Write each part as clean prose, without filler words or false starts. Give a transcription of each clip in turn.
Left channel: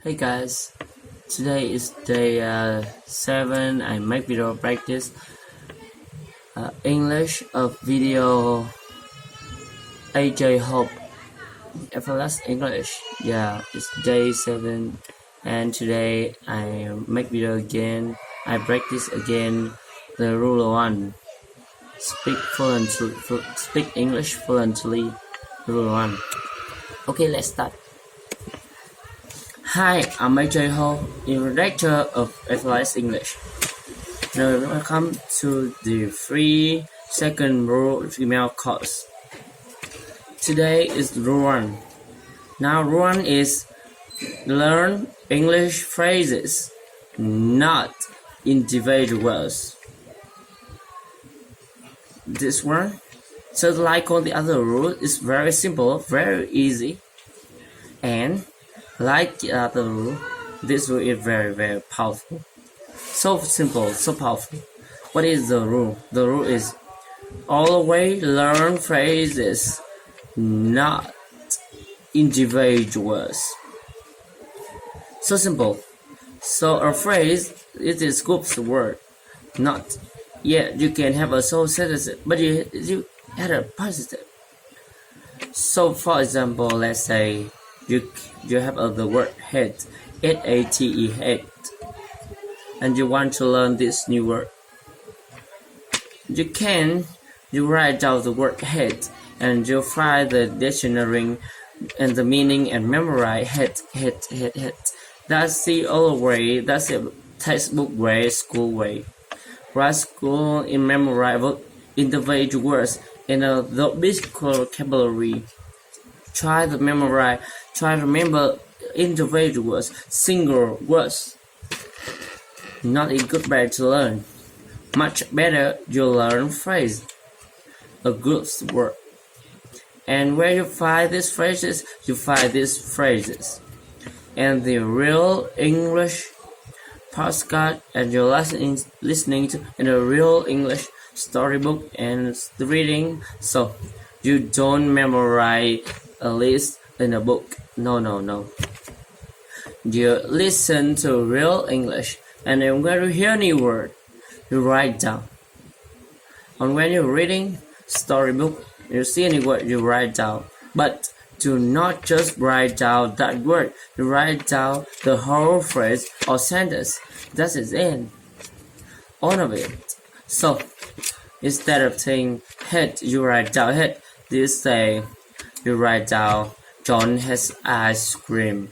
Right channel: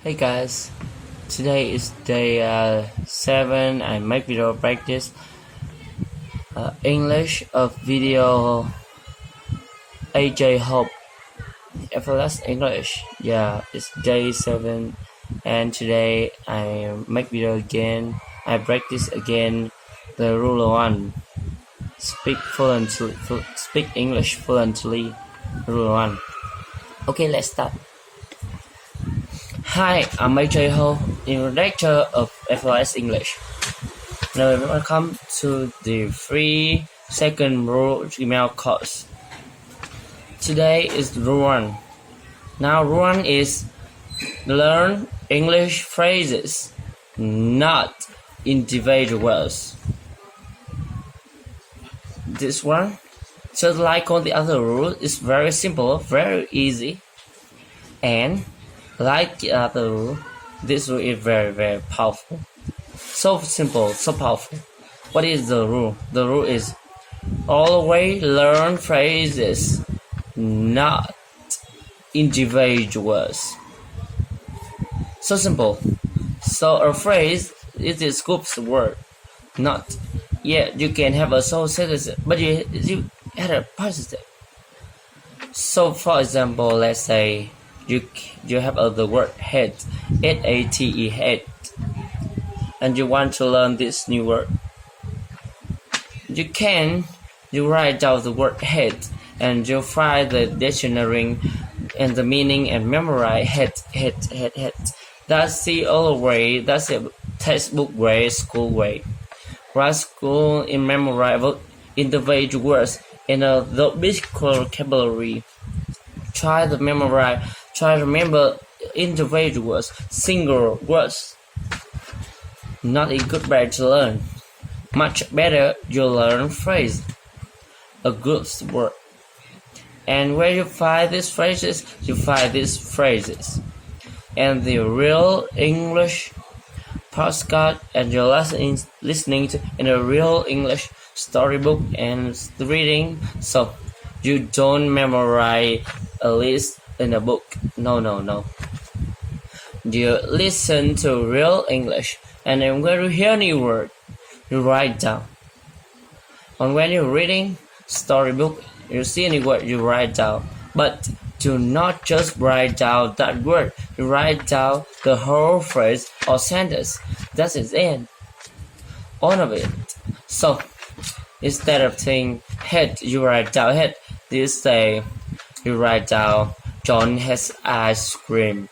Hey guys, today is day 7. I make video practice English of video THhodC effortless English. Yeah, it's day 7 and today I make video again. I practice again the rule 1. Speak English fluently. Rule 1. Okay, let's start. Hi, I'm THhodC, instructor of SINH English. Now welcome to the free second rule email course. Today is rule 1. Now rule 1 is learn English phrases, not individuals. This one, just like all the other rules, is very simple, very easy, and like the other rule, this rule is very powerful. So simple, so powerful. What is the rule? The rule is always learn phrases, not individuals. So simple. So a phrase is a group's word, not. Yeah, you can have a so sentence, but you add a positive. So for example, let's say you have the word head, H-A-T-E, head, and you want to learn this new word. You write down the word head, and you find the dictionary and the meaning and memorize head. That's the old way. That's the textbook way, school way. Write school in memorize individual words in the big vocabulary. Try to remember individuals, single words. Not a good way to learn. Much better you learn phrase, a group's word. And where you find these phrases, And the real English postcard and you're listening to in a real English storybook and reading, so you don't memorize a list in a book. No. You listen to real English, and then when you hear any word, you write down. And when you're reading storybook, you see any word, you write down. But do not just write down that word. You write down the whole phrase or sentence. That is it. All of it. So instead of saying head, you write down head. You write down John has ice cream.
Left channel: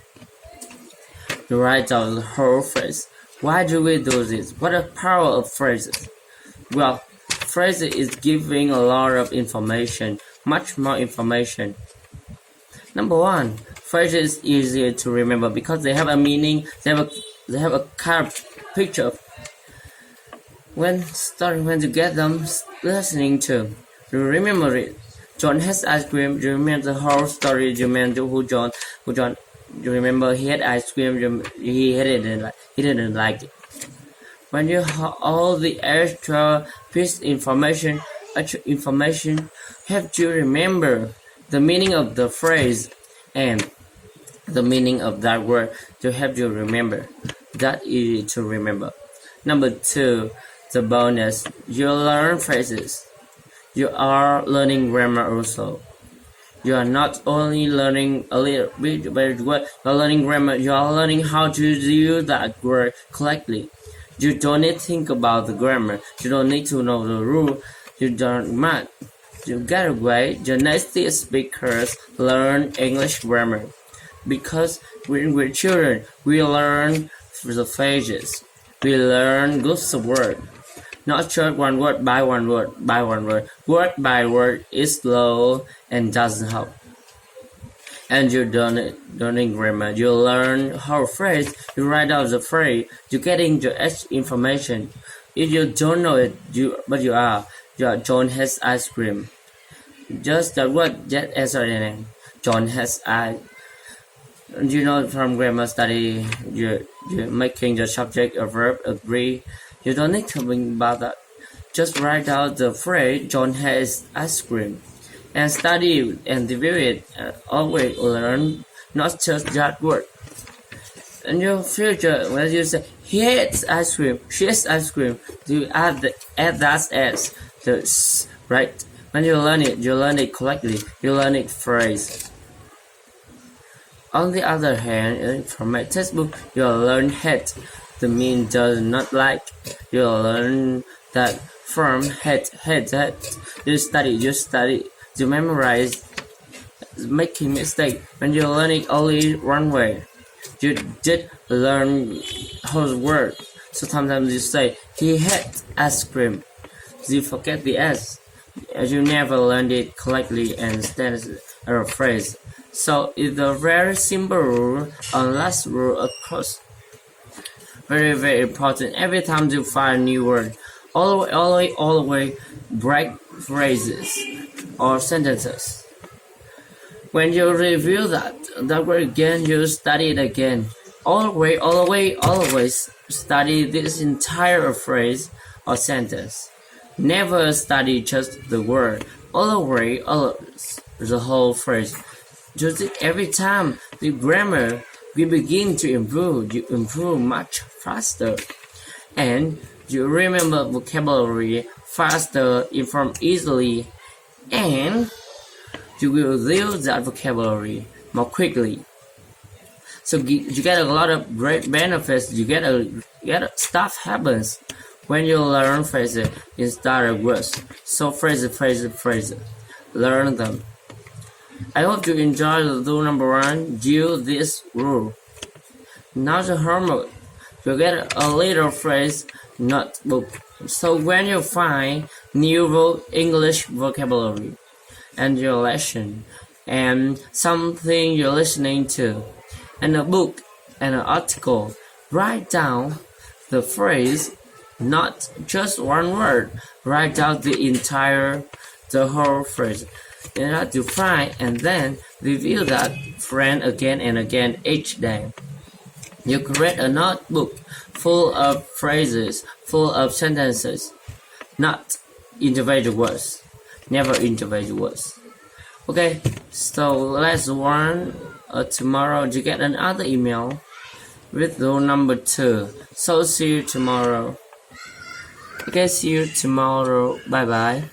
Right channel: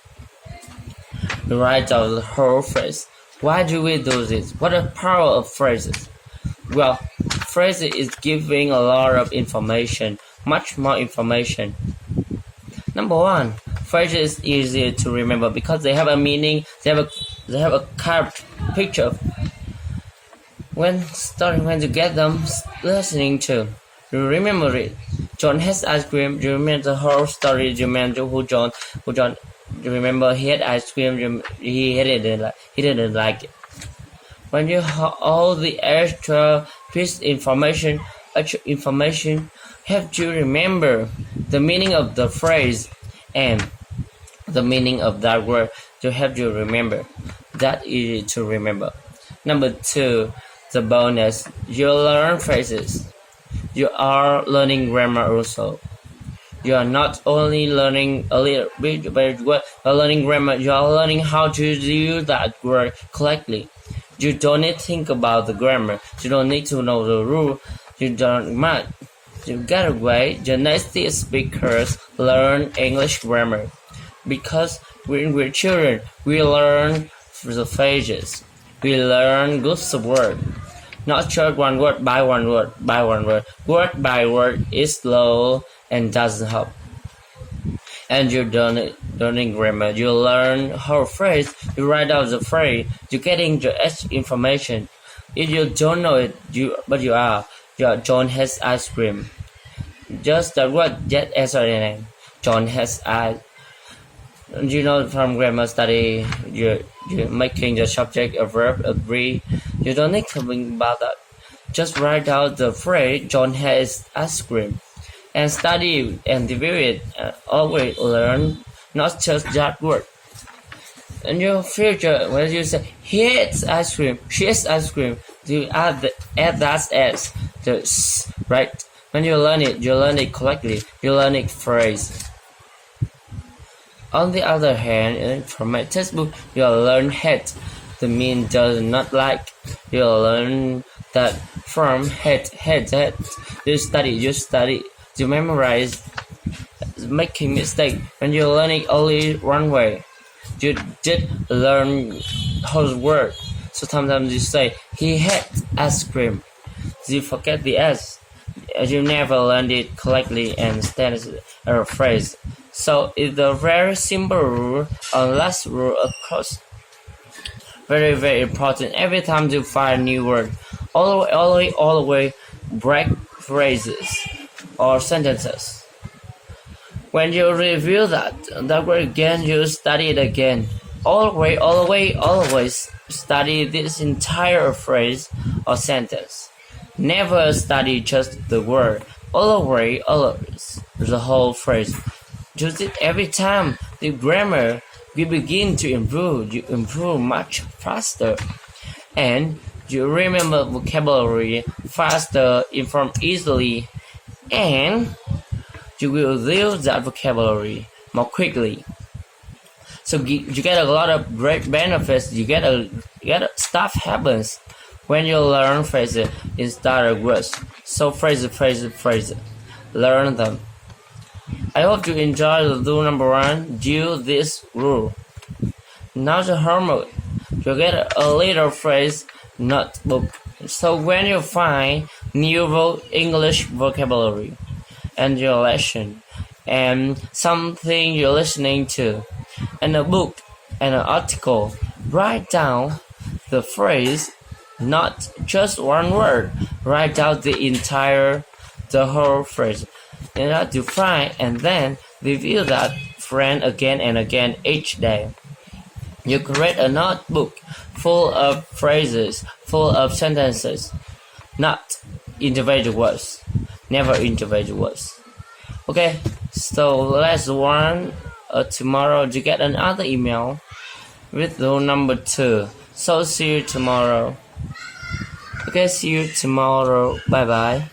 You write down the whole phrase. Why do we do this? What a power of phrases. Well, phrases is giving a lot of information, much more information. Number 1, phrases is easier to remember because they have a meaning. They have a carved picture. When you get them listening to, you remember it. John has ice cream. You remember the whole story. You remember who John. You remember he had ice cream. He didn't like it. When you have all the extra piece information help you remember the meaning of the phrase and the meaning of that word to help you remember. That easy to remember. Number 2, the bonus. You learn phrases. You are learning grammar also. You are not only learning a little bit word, you are learning grammar. You are learning how to use that word correctly. You don't need to think about the grammar. You don't need to know the rule. You get away. The native speakers learn English grammar because when we're children, we learn the phrases. We learn groups of words. Not just one word by one word. Word by word is slow and doesn't help. And you don't learning grammar. You learn whole phrase. You write out the phrase. You getting the information. If you don't know it, John has ice cream. Just that word, just answer the name. John has ice. You know from grammar study, you're making the subject a verb, agree. You don't need to think about that. Just write out the phrase, John has ice cream. And study and review it. Always learn, not just that word. In your future, when you say he eats ice cream, she eats ice cream, you add that s, the s, right? When you learn it correctly. You learn it phrase. On the other hand, from my textbook, you learn hate. The mean does not like. You learn that from hate. You study. You memorize. Making mistake when you learn it only one way. You did learn whole word. So sometimes you say he hates ice cream. You forget the s. You never learned it correctly and stands a phrase. So it's a very simple rule, and last rule of course. Very, very important. Every time you find a new word, always break phrases or sentences. When you review that word again, you study it again. Always study this entire phrase or sentence. Never study just the word. Always the whole phrase. Use it every time. The grammar will begin to improve. You improve much faster. And you remember vocabulary faster, inform easily, and you will use that vocabulary more quickly. So you get a lot of great benefits. You get stuff happens when you learn phrases instead of words. So phrases. Learn them. I hope you enjoy the rule number 1. Do this rule. Now the homework. You get a little phrase notebook. So when you find new English vocabulary and your lesson and something you're listening to and a book and an article, write down the phrase, not just one word. Write down the whole phrase. In order to find and then review that friend again and again each day. You create a notebook full of phrases, full of sentences, not individual words, never individual words. Okay, so let's warn tomorrow you get another email with rule number 2. So see you tomorrow. Okay, see you tomorrow. Bye bye.